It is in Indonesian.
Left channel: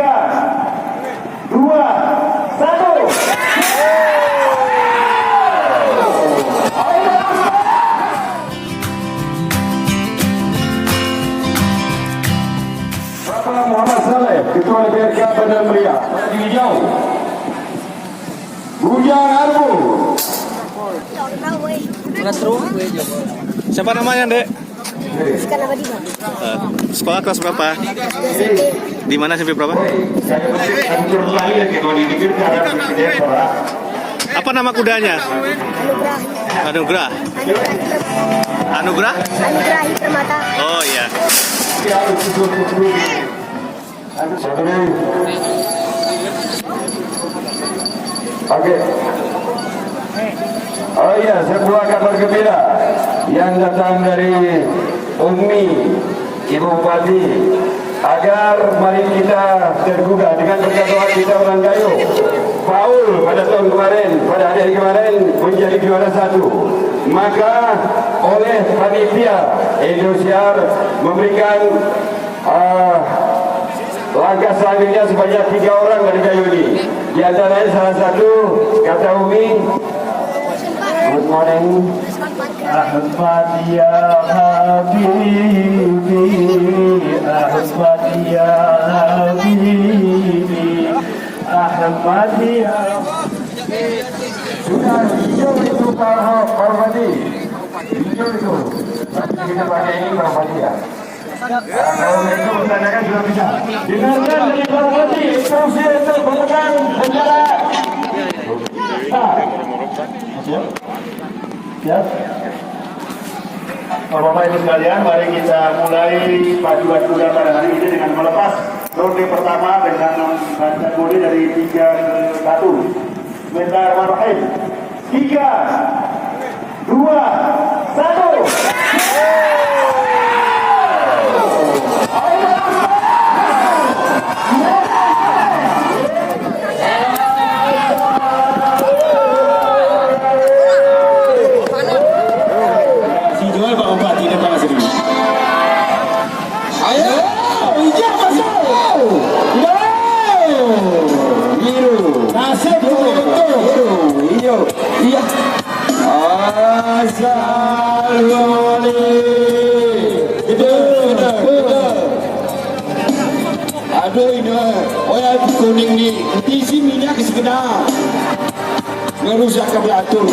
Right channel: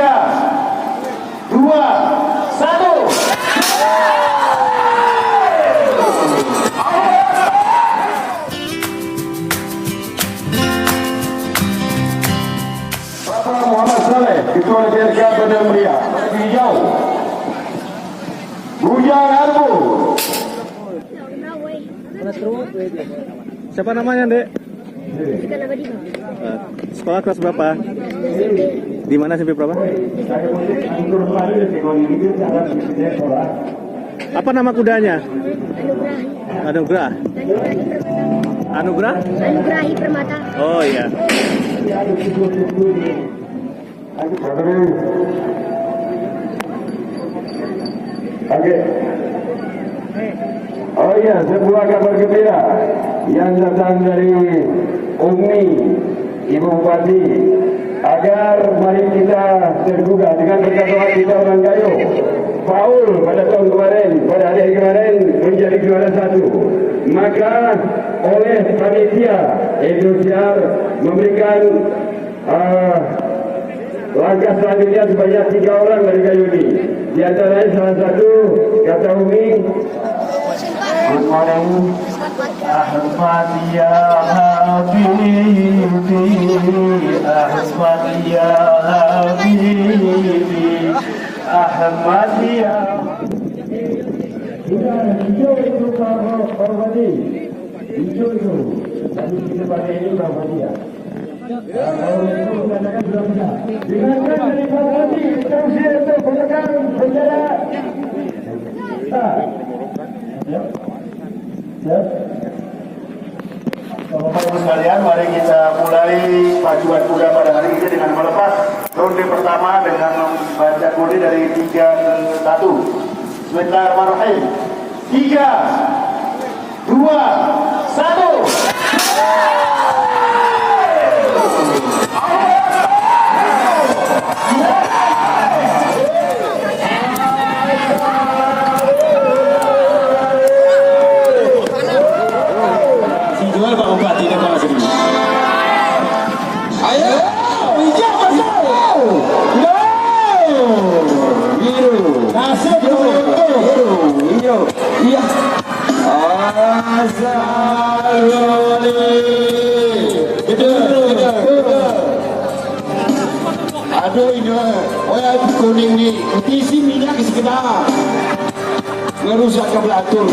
2, 1. Bapak Muhammad Saleh, Ketua DPRK Bandar Meriah, bagi hijau. Bujang Arbu. Siapa namanya, Dek? Sekarang apa di bang? Sekolah kelas berapa? Di mana SMP berapa? Apa nama kudanya? Anugrah. Anugrah? Anugrahi Permata. Oh iya. Oke. Oh iya, sebuah kabar gembira yang datang dari Umi Ibu Bupati, agar mari kita tergugah dengan percakapan kita menanggapi Paul pada tahun kemarin, pada hari kemarin menjadi juara 1. Maka oleh panitia Indosiar memberikan langkah selanjutnya sebanyak 3 orang dari Gayo ini. Di antaranya salah satu kata Umi, good morning. Ahmad ya Habibi, Ahmad ya Habibi, Ahmad ya. Sudah hijau itu Pak Hormati, hijau itu. Tadi kita pakai ini Pak Hormati ya. Kalau itu mengatakan sudah bisa. Dengarkan dari Pak Hormati, instruksi untuk menggunakan bendera. Siap? Siap? Bapak-bapak ibu sekalian, mari kita mulai pacuan kuda pada hari ini dengan melepas ronde pertama dengan membaca kode dari 3 ke 1. Bismillahirrahmanirrahim. 3, 2, 1. Aduh ini orang kuning nih isi minyak sekedar ngerusak kabel atur.